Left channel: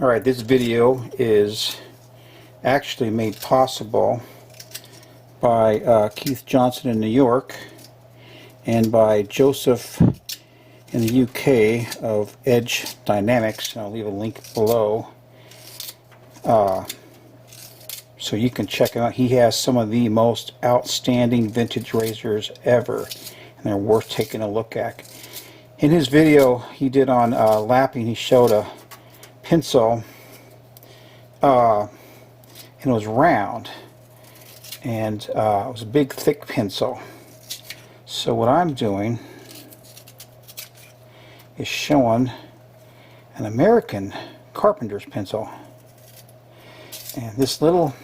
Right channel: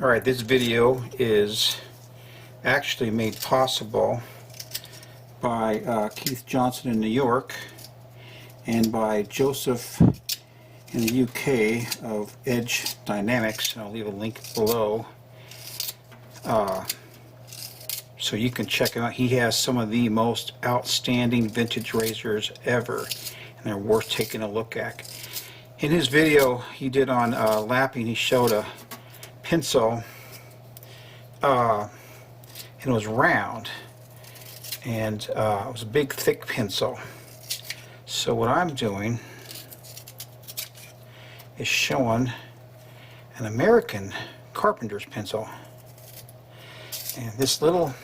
Alright, this video is actually made possible by Keith Johnson in New York and by Joseph in the UK of Edge Dynamics. I'll leave a link below so you can check him out. He has some of the most outstanding vintage razors ever, and they're worth taking a look at. In his video he did on lapping, he showed a pencil and it was round, and it was a big thick pencil. So what I'm doing is showing an American carpenter's pencil, and this little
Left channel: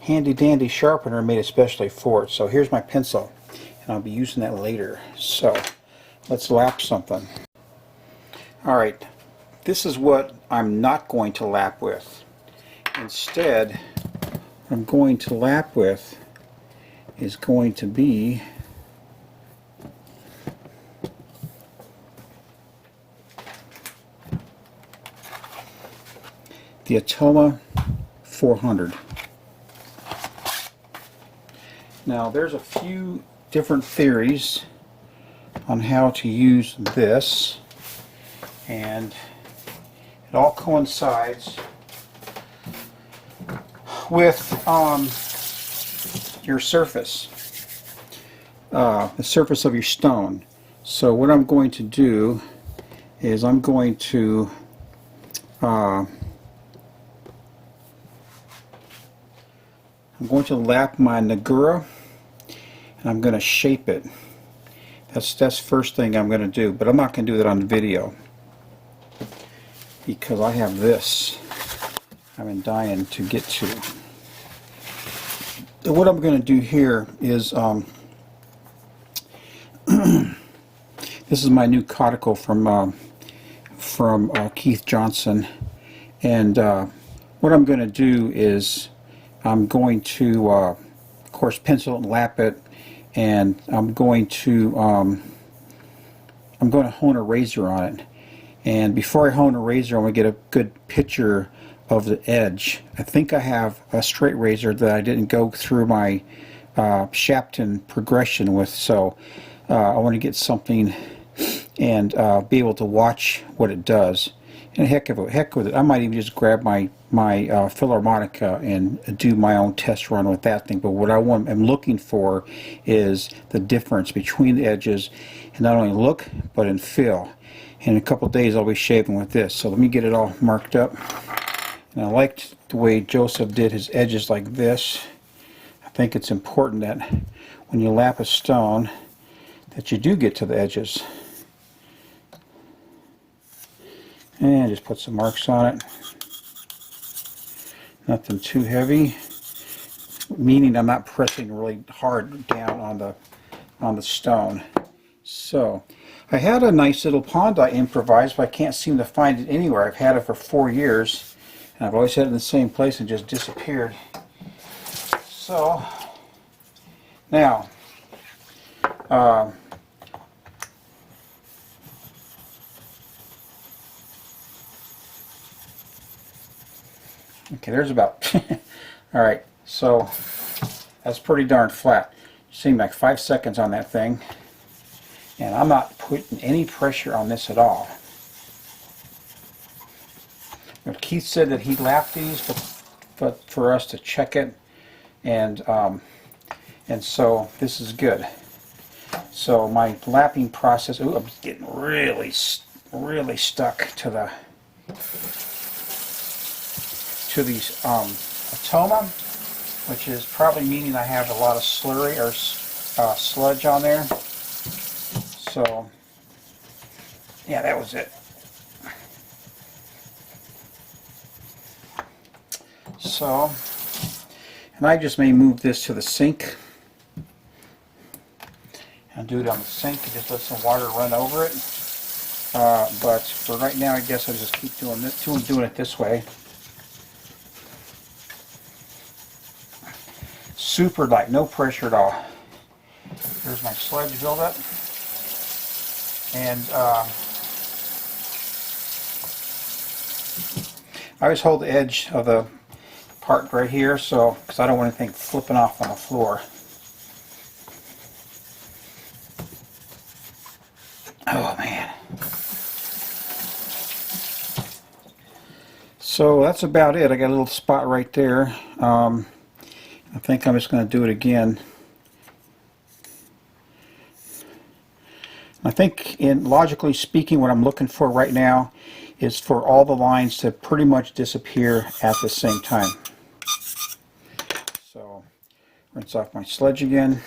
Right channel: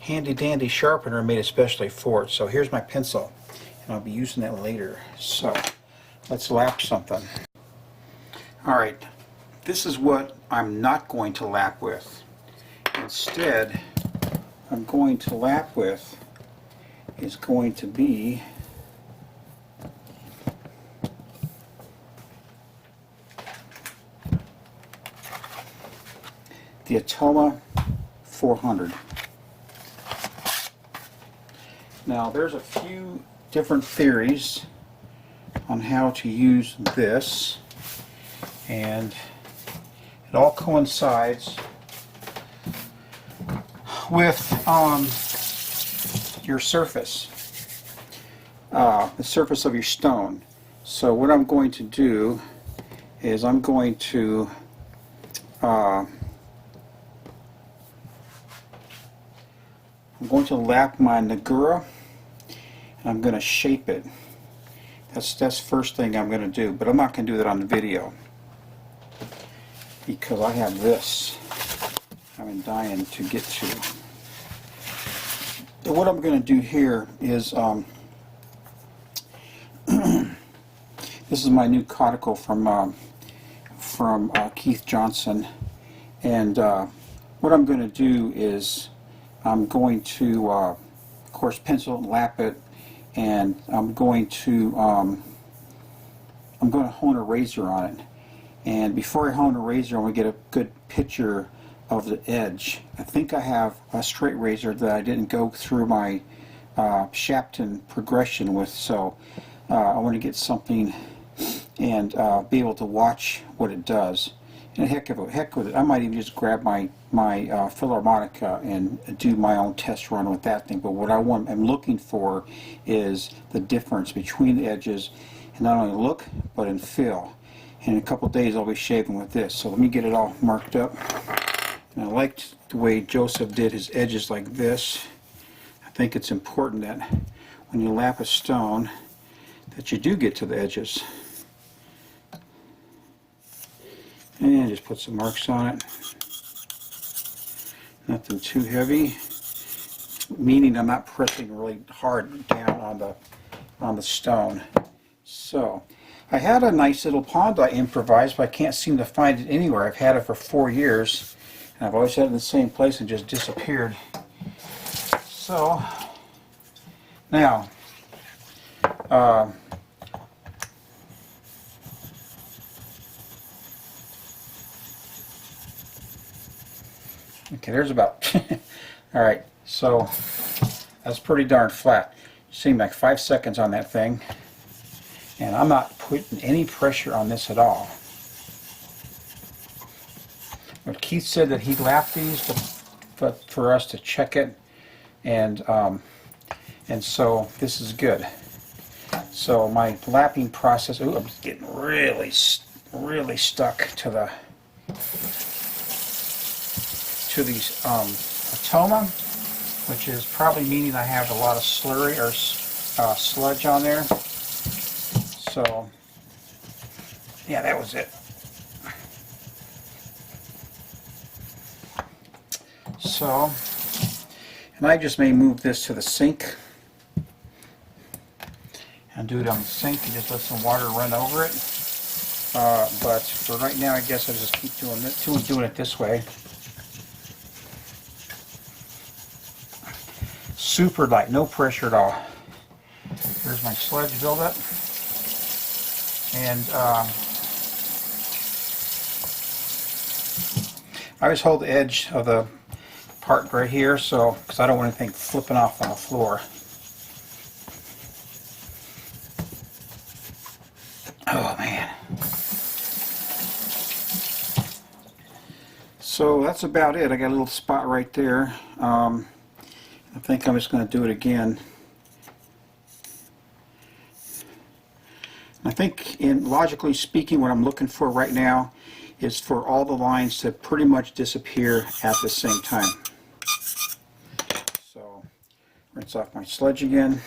handy dandy sharpener made especially for it. So here's my pencil, and I'll be using that later. So let's lap something. Alright, this is what I'm not going to lap with. Instead, what I'm going to lap with is going to be the Atoma 400. Now there's a few different theories on how to use this, and it all coincides with your surface, the surface of your stone. So what I'm going to do is I'm going to lap my Nagura, and I'm going to shape it. That's first thing I'm going to do, but I'm not going to do that on the video because I have this I've been dying to get to. So what I'm going to do here is this is my new Coticule from Keith Johnson, and what I'm going to do is I'm going to of course pencil it and lap it, and I'm going to hone a razor on it. And before I hone a razor, I'm going to get a good picture of the edge. I think I have a straight razor that I didn't go through my Shapton progression with, so I want to get something and be able to watch what it does. And heck with it. I might even just grab my Philharmonica and do my own test run with that thing. But what I'm looking for is the difference between the edges, and not only look but in feel. In a couple of days I'll be shaping with this. So let me get it all marked up. And I liked the way Joseph did his edges like this. I think it's important that when you lap a stone that you do get to the edges. And just put some marks on it. Nothing too heavy, meaning I'm not pressing really hard down on the stone. So I had a nice little pond I improvised, but I can't seem to find it anywhere. I've had it for 4 years, and I've always had it in the same place and just disappeared. So now okay, there's about alright, so that's pretty darn flat. Seemed like 5 seconds on that thing, and I'm not putting any pressure on this at all. But Keith said that he lapped these but for us to check it, and so this is good. So my lapping process, ooh, I'm getting really stuck to these Atoma, which is probably meaning I have a lot of slurry or sludge on there. So yeah, that was it. So, and I just may move this to the sink and do it on the sink and just let some water run over it. But for right now, I guess I'll just keep doing it this way. Super light, no pressure at all. There's my sludge buildup, and I always hold the edge of the part right here, so because I don't want anything flipping off on the floor. Oh man. So that's about it. I got a little spot right there. I think I'm just going to do it again. I think, logically speaking, what I'm looking for right now is for all the lines to pretty much disappear at the same time. So, rinse off my sludge again.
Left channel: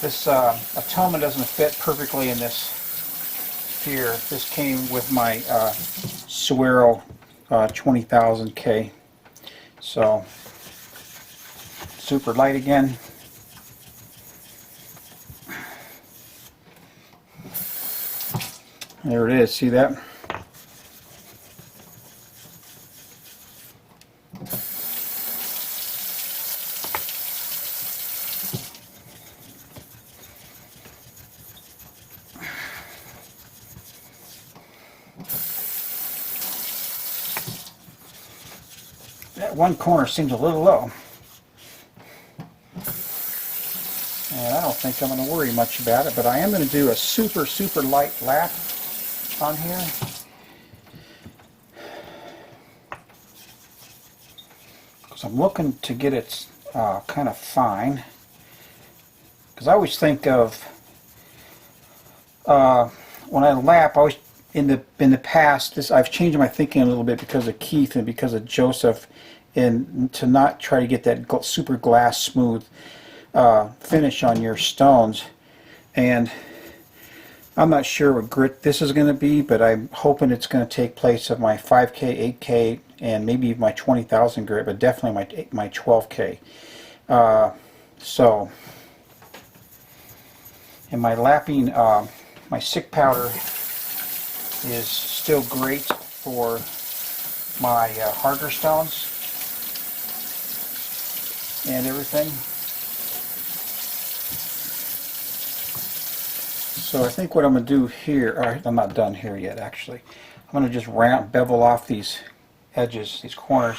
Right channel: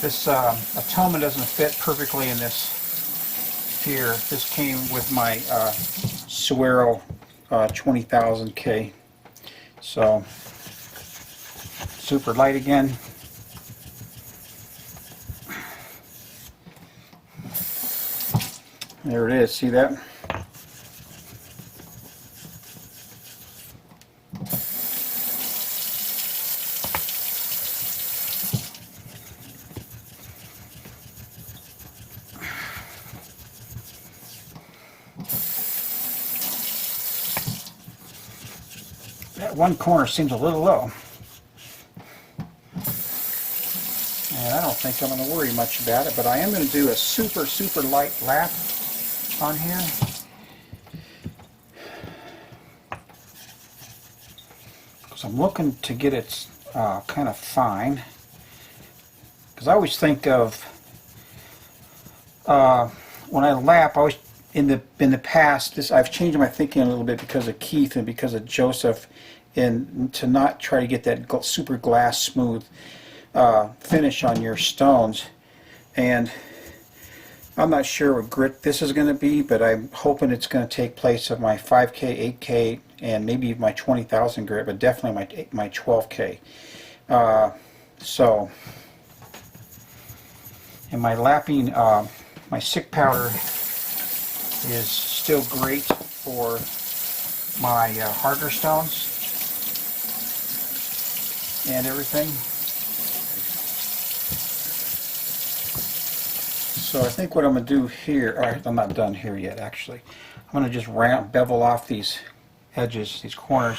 This Atoma doesn't fit perfectly in this here. This came with my Suero 20,000K. So, super light again. There it is, see that? That one corner seems a little low. And I don't think I'm going to worry much about it, but I am going to do a super, super light lap on here. Because I'm looking to get it kind of fine. Because I always think of, when I lap, I always, in the past, I've changed my thinking a little bit because of Keith and because of Joseph, and to not try to get that super glass smooth finish on your stones. And I'm not sure what grit this is going to be, but I'm hoping it's going to take place of my 5K, 8K, and maybe my 20,000 grit, but definitely my 12K. So, and my lapping, my sick powder is still great for my harder stones and everything. So I think what I'm going to do here, I'm not done here yet actually. I'm going to just bevel off these edges, these corners.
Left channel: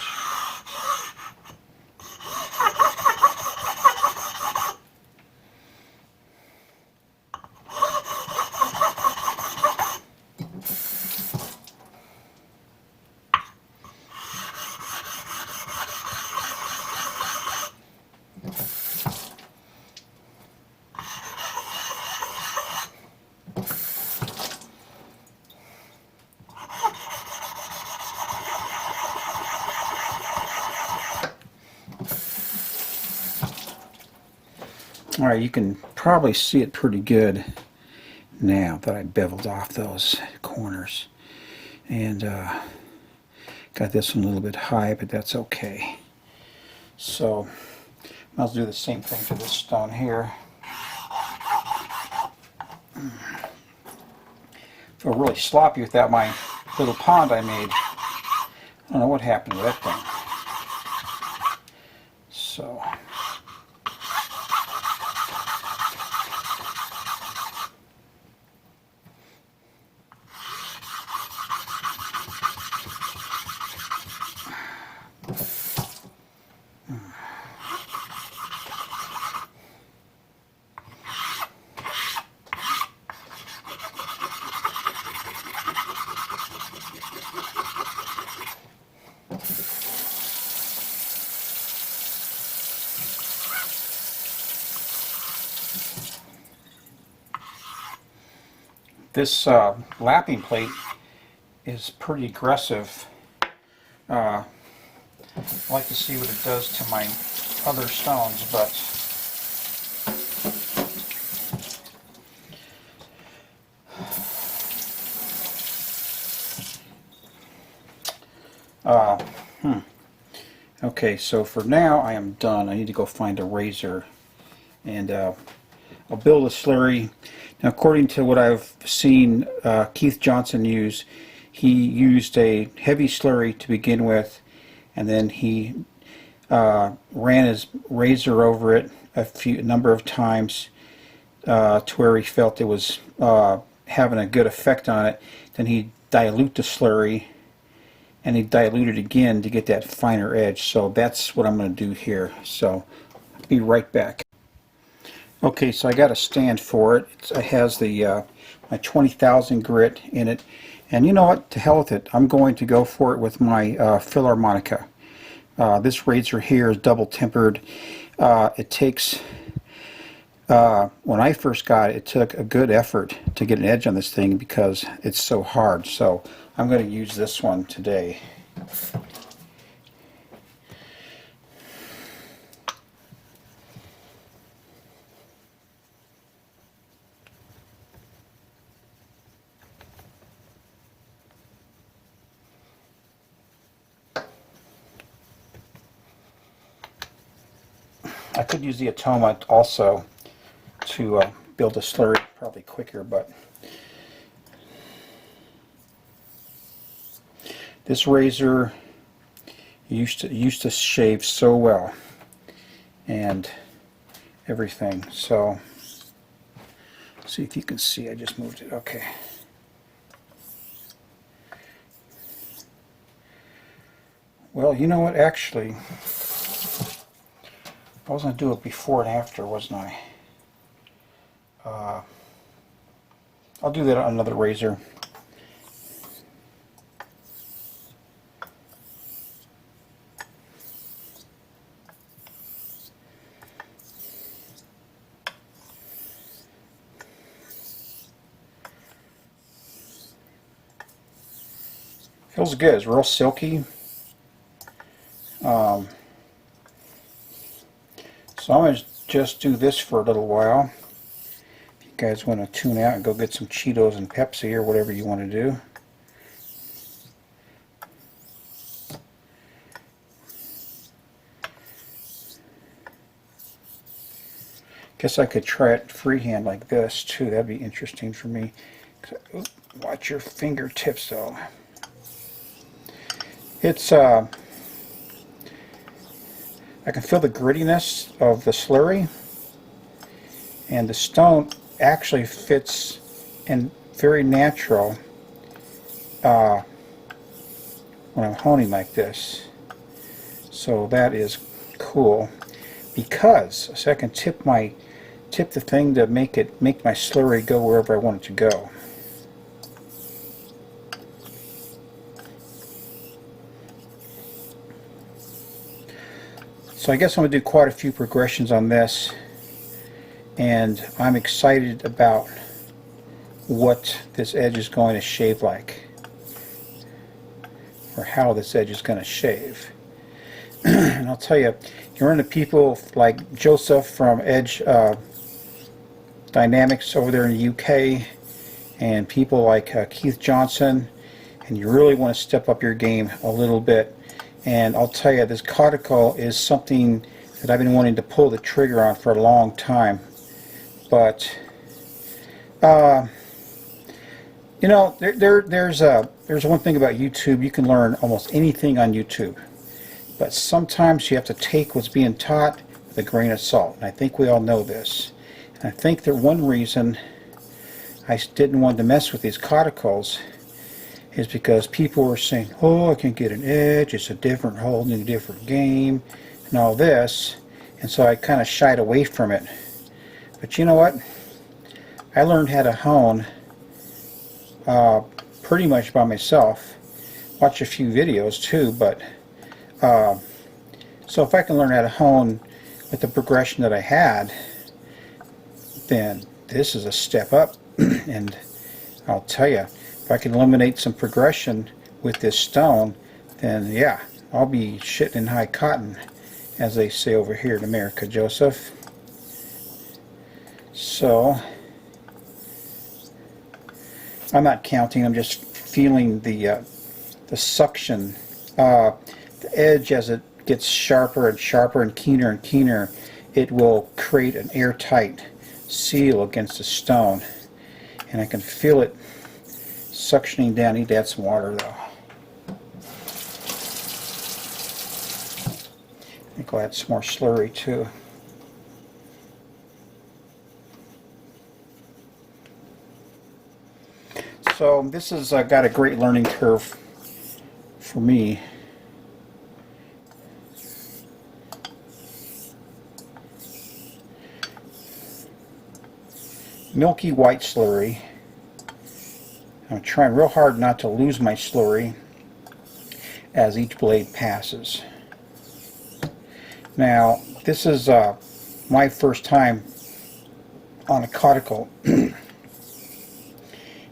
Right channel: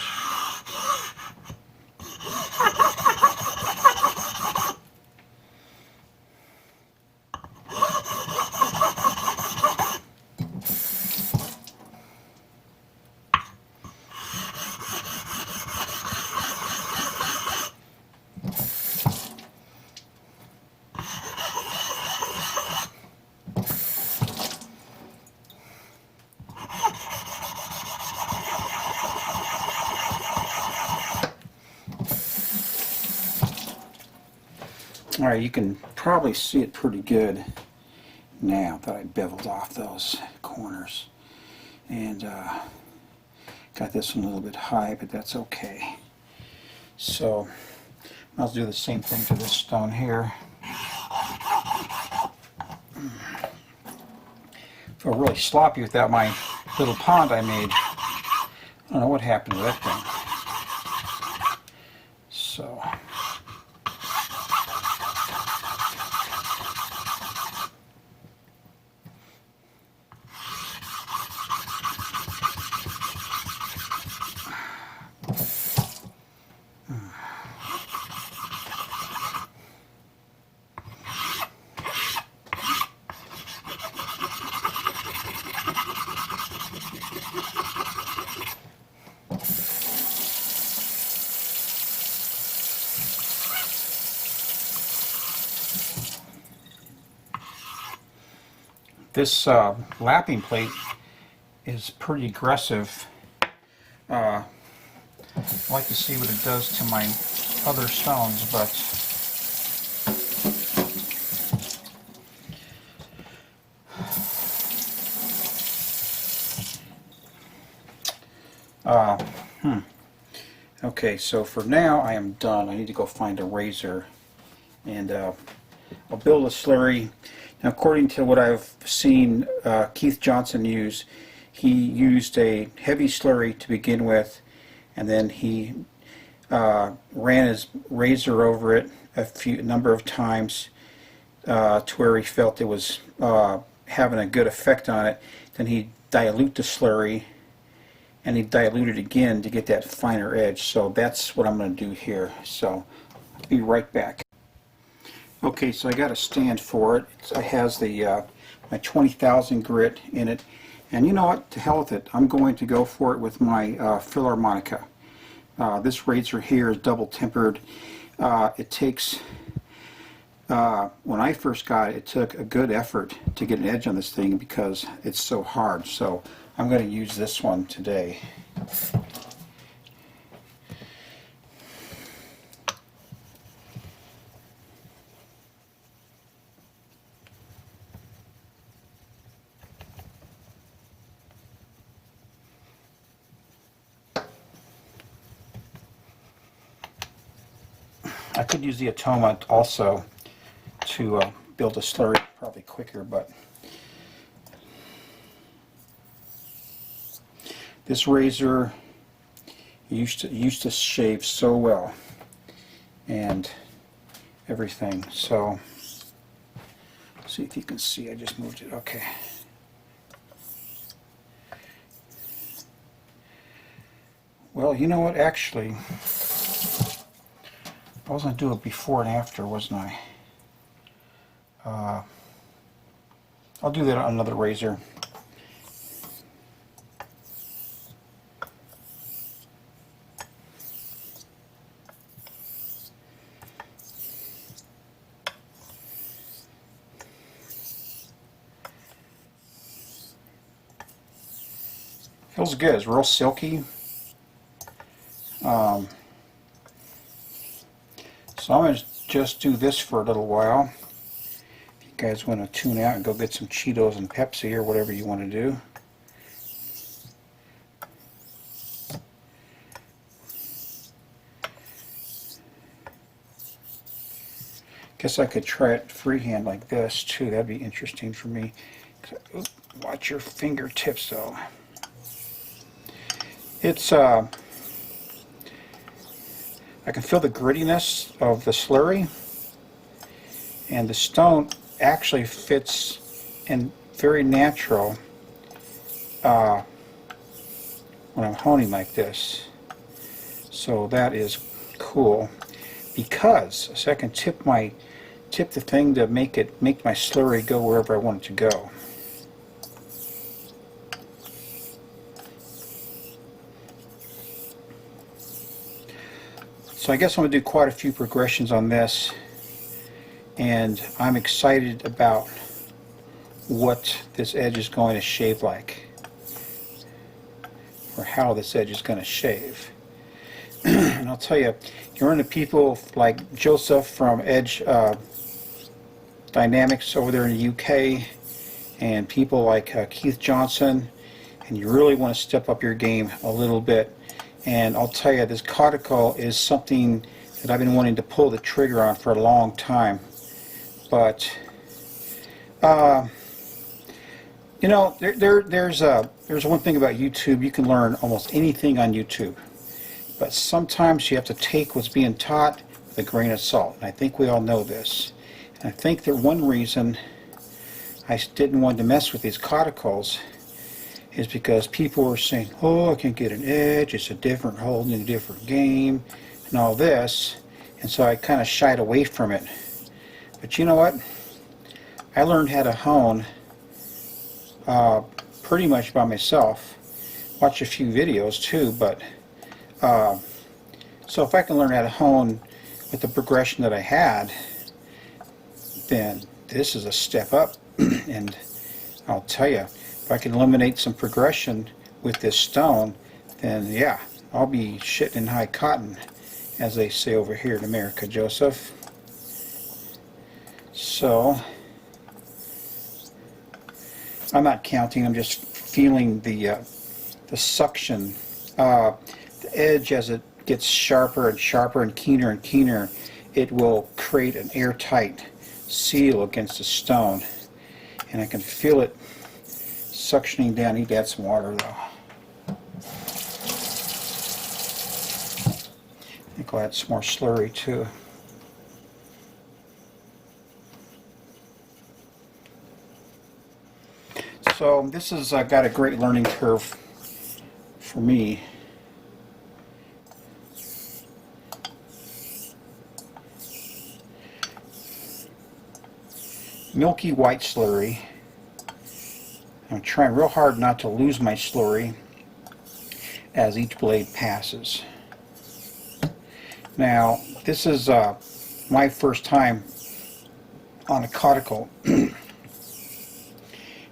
Alright, you can probably see it pretty good now that I beveled off those corners. And got this one a little bit high, but that's okay. So I'll do the same thing to this stone here. Feel really sloppy without my little pond I made. I don't know what happened to that thing. So this lapping plate is pretty aggressive. I'd like to see what it does to my other stones, but okay, so for now I am done. I need to go find a razor, and I'll build a slurry. Now, according to what I've seen Keith Johnson use, he used a heavy slurry to begin with, and then he ran his razor over it a number of times to where he felt it was having a good effect on it. Then he dilute the slurry, and they dilute it again to get that finer edge. So that's what I'm going to do here. So I'll be right back. Okay, so I got a stand for it. It has the my 20,000 grit in it, and you know what? To hell with it. I'm going to go for it with my Philharmonica. This razor here is double tempered. It takes when I first got it, it took a good effort to get an edge on this thing because it's so hard. So I'm going to use this one today. I could use the Atoma also to build a slurry probably quicker, but this razor used to shave so well and everything. So see if you can see. I just moved it. Okay. Well, you know what? Actually, I was going to do it before and after, wasn't I? I'll do that on another razor. Feels good. It's real silky. So I'm going to just do this for a little while. If you guys want to tune out and go get some Cheetos and Pepsi or whatever you want to do. Guess I could try it freehand like this too. That'd be interesting for me. Watch your fingertips though. It's I can feel the grittiness of the slurry, and the stone actually fits and very natural when I'm honing like this. So that is cool, because so I can tip the thing to make my slurry go wherever I want it to go. So I guess I'm going to do quite a few progressions on this, and I'm excited about what this edge is going to shave like, or how this edge is going to shave. And I'll tell you, you run into people like Joseph from Edge Dynamics over there in the UK, and people like Keith Johnson, and you really want to step up your game a little bit. And I'll tell you, this Coticule is something that I've been wanting to pull the trigger on for a long time. But, you know, there's one thing about YouTube. You can learn almost anything on YouTube. But sometimes you have to take what's being taught with a grain of salt. And I think we all know this. And I think that one reason I didn't want to mess with these Coticules is because people were saying, oh, I can get an edge, it's a different hole in a different game, and all this, and so I kind of shied away from it. But you know what? I learned how to hone pretty much by myself. Watch a few videos too, but so if I can learn how to hone with the progression that I had, then this is a step up. And I'll tell you, if I can eliminate some progression with this stone, then yeah, I'll be shitting in high cotton, as they say over here in America, Joseph. So, I'm not counting, I'm just feeling the suction. The edge, as it gets sharper and sharper and keener, it will create an airtight seal against the stone. And I can feel it suctioning down. I need to add some water though. I think I'll add some more slurry too. So this has got a great learning curve for me. Milky white slurry. I'm trying real hard not to lose my slurry as each blade passes. Now, this is my first time on a Coticule.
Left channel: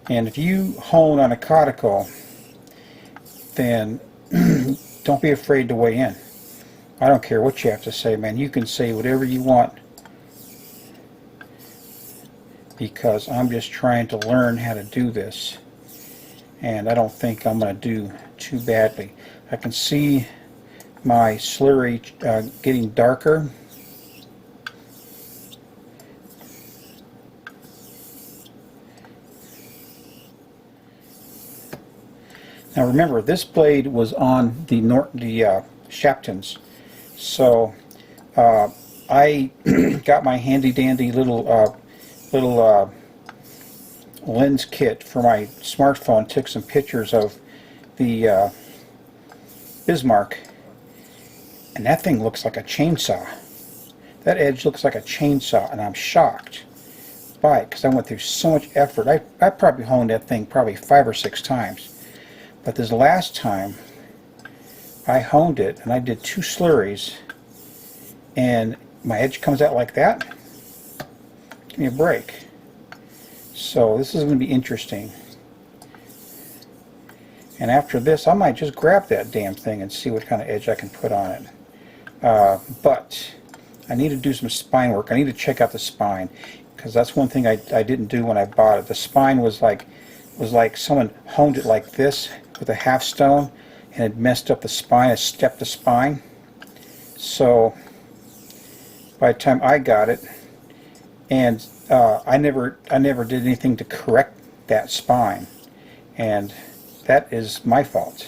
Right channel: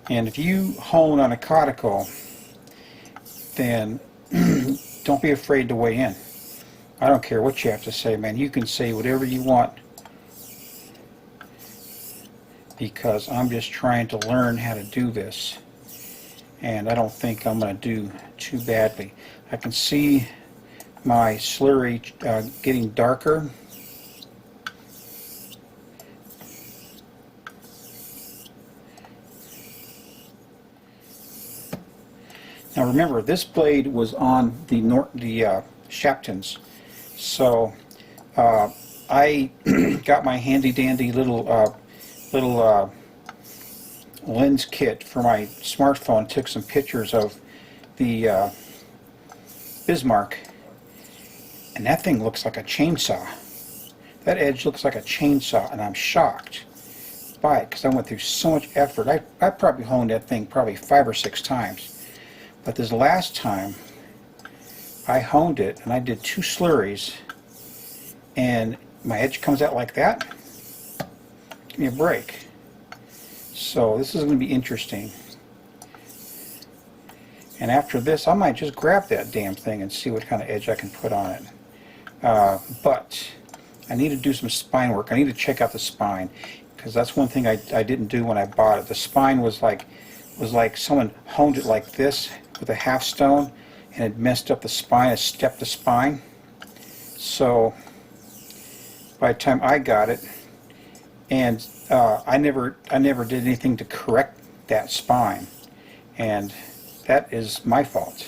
And if you hone on a Coticule, then don't be afraid to weigh in. I don't care what you have to say, man. You can say whatever you want, because I'm just trying to learn how to do this, and I don't think I'm going to do too badly. I can see my slurry getting darker. Now remember, this blade was on the Shaptons, so I got my handy dandy little lens kit for my smartphone, took some pictures of the Bismarck, and that thing looks like a chainsaw. That edge looks like a chainsaw, and I'm shocked by it because I went through so much effort. I probably honed that thing probably 5 or 6 times. But this last time, I honed it, and I did 2 slurries, and my edge comes out like that. Give me a break. So this is going to be interesting. And after this, I might just grab that damn thing and see what kind of edge I can put on it. But I need to do some spine work. I need to check out the spine, because that's one thing I didn't do when I bought it. The spine was like someone honed it like this with a half stone, and it messed up the spine. It stepped the spine. So by the time I got it, and I never did anything to correct that spine, and that is my fault.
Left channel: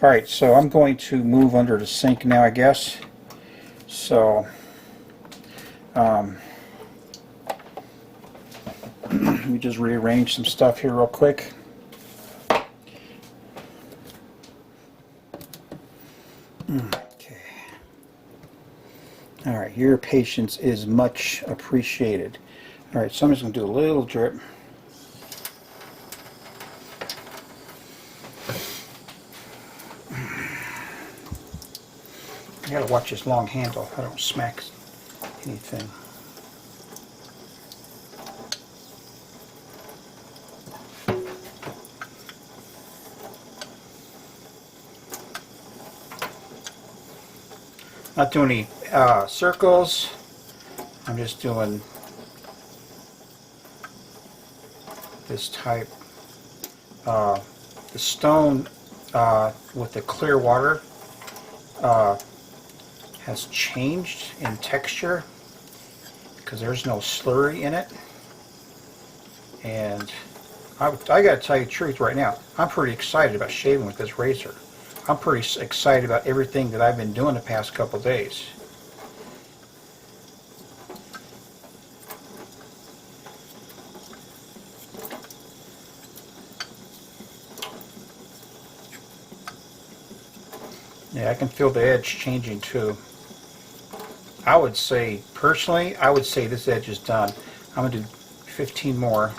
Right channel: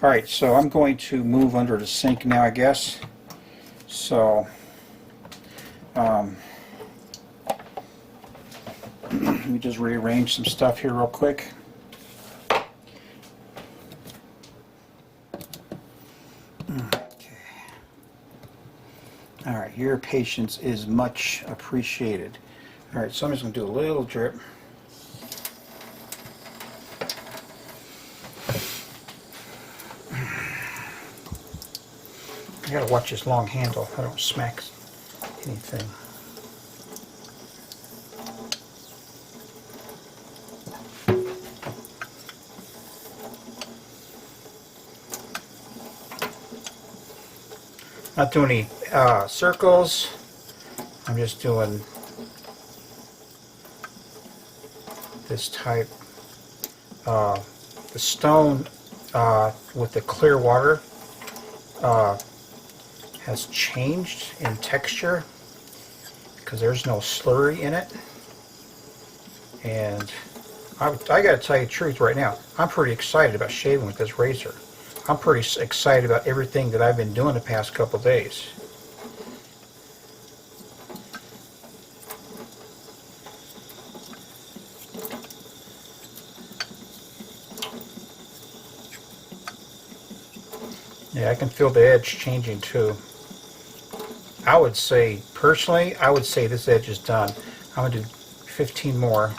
All right, so I'm going to move under the sink now, I guess. So let me just rearrange some stuff here real quick. Okay. All right, your patience is much appreciated. All right, so I'm just going to do a little drip. I gotta watch this long handle. I don't smack anything. Not doing any circles. I'm just doing this type. The stone with the clear water has changed in texture because there's no slurry in it. And I gotta tell you the truth right now, I'm pretty excited about shaving with this razor. I'm pretty excited about everything that I've been doing the past couple days. Yeah, I can feel the edge changing too. I would say, personally, I would say this edge is done. I'm going to do 15 more.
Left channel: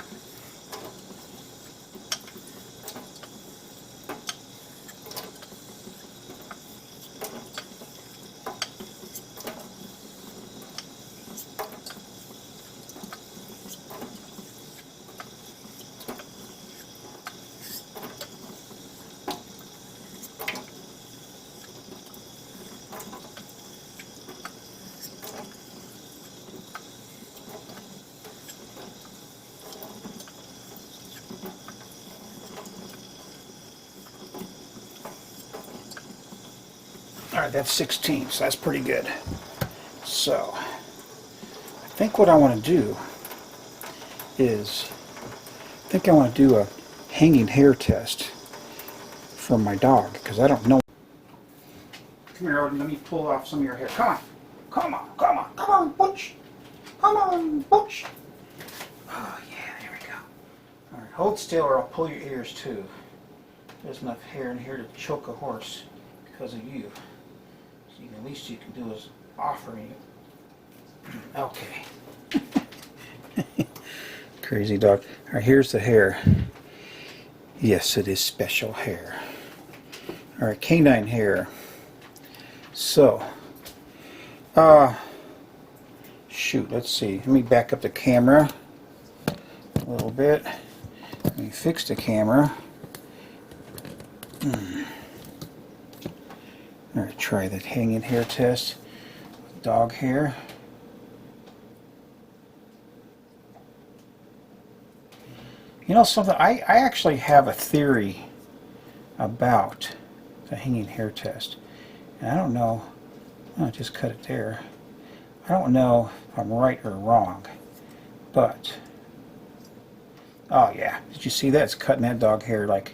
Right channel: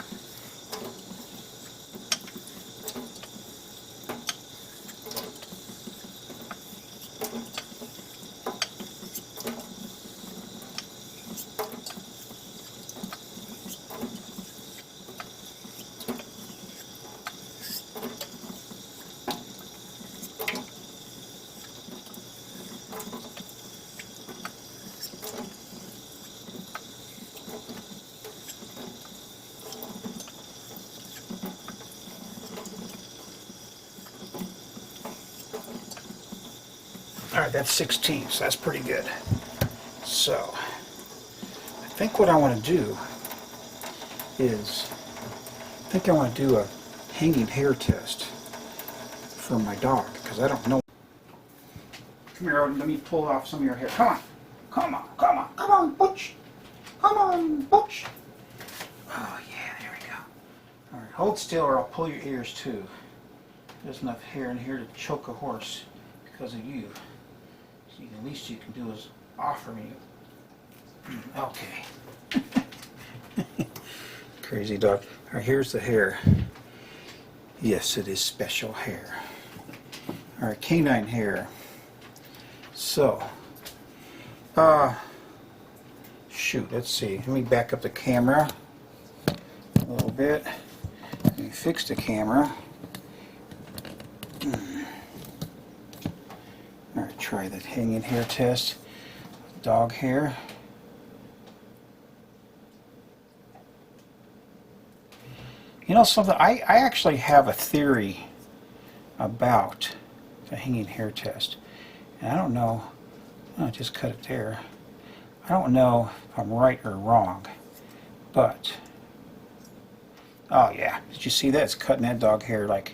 Alright, that's 16, so that's pretty good. So, I think what I want to do is, I want to do a hanging hair test for my dog, because I don't know. Come here, let me pull off some of your hair. Come on, come on, come on, come on, Butch. Come on, Butch. Oh yeah, there we go. Alright, hold still or I'll pull your ears too. There's enough hair in here to choke a horse because of you. So the least you can do is offer me. Okay. Crazy dog. All right, here's the hair. Yes, it is special hair. All right, canine hair. So, shoot, let's see. Let me back up the camera a little bit. Let me fix the camera. I'm going to try the hanging hair test. Dog hair. You know something, I actually have a theory about the hanging hair test. And I don't know, I just cut it there. I don't know if I'm right or wrong, but, oh yeah, did you see that? It's cutting that dog hair like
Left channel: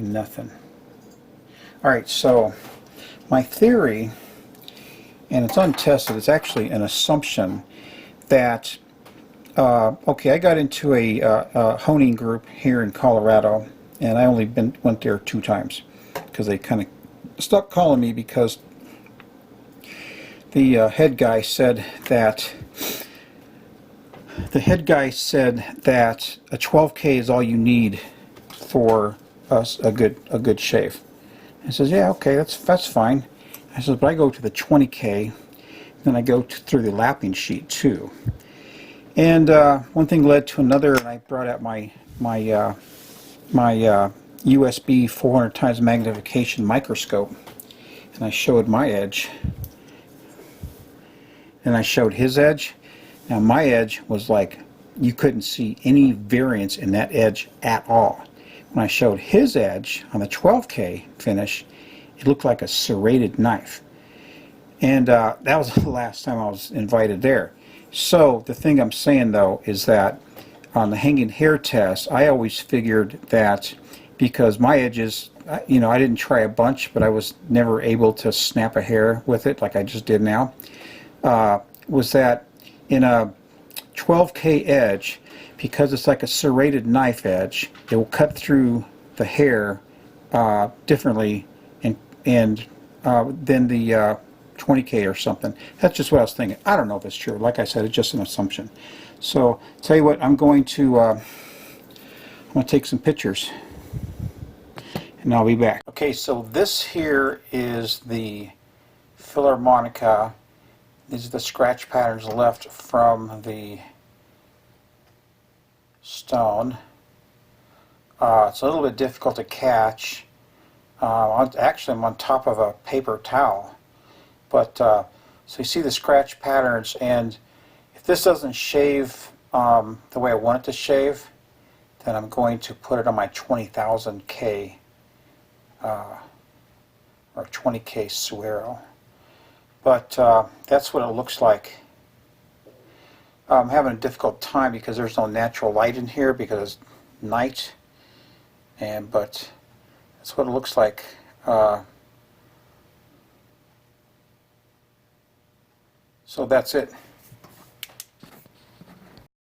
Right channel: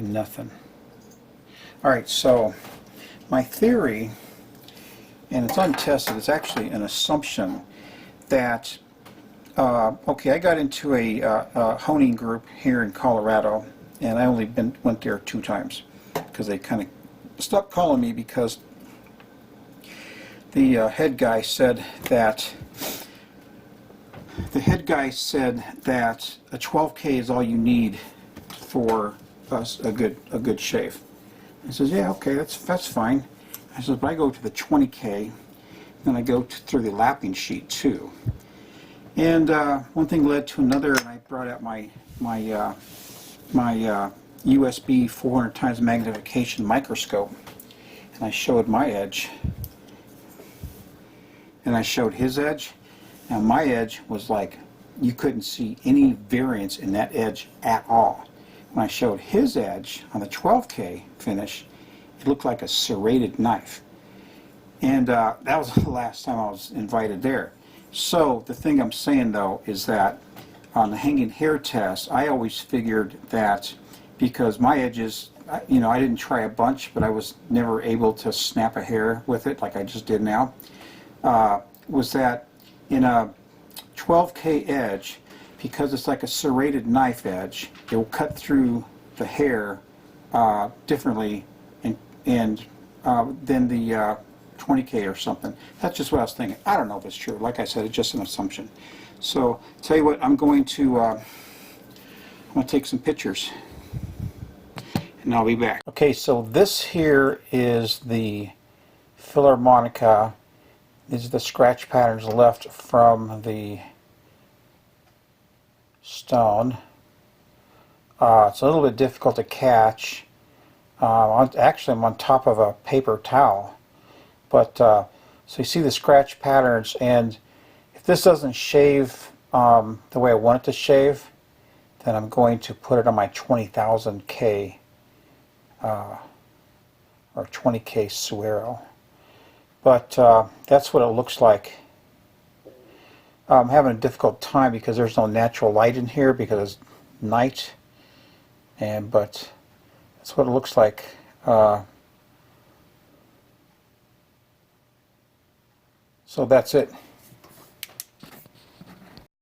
nothing. Alright, so my theory, and it's untested, it's actually an assumption that okay, I got into a honing group here in Colorado, and I only went there 2 times because they kind of stopped calling me because the head guy said that a 12K is all you need for a good shave. He says, yeah, okay, that's fine. I said, but I go to the 20K, then I go through the lapping sheet too. And one thing led to another, and I brought out my USB 400 times magnification microscope, and I showed my edge, and I showed his edge. Now my edge was like, you couldn't see any variance in that edge at all. When I showed his edge on the 12K finish, it looked like a serrated knife. And that was the last time I was invited there. So the thing I'm saying though is that on the hanging hair test, I always figured that because my edges, you know, I didn't try a bunch, but I was never able to snap a hair with it like I just did now, was that in a 12K edge, because it's like a serrated knife edge, it will cut through the hair differently than the 20K or something. That's just what I was thinking. I don't know if it's true. Like I said, it's just an assumption. So, tell you what, I'm going to take some pictures, and I'll be back. Okay, so this here is the Philharmonica. These are the scratch patterns left from the stone. It's a little bit difficult to catch. Actually, I'm on top of a paper towel. But, so you see the scratch patterns, and if this doesn't shave the way I want it to shave, then I'm going to put it on my 20,000K or 20K Suero. But that's what it looks like. I'm having a difficult time because there's no natural light in here because it's night, but that's what it looks like. So that's it.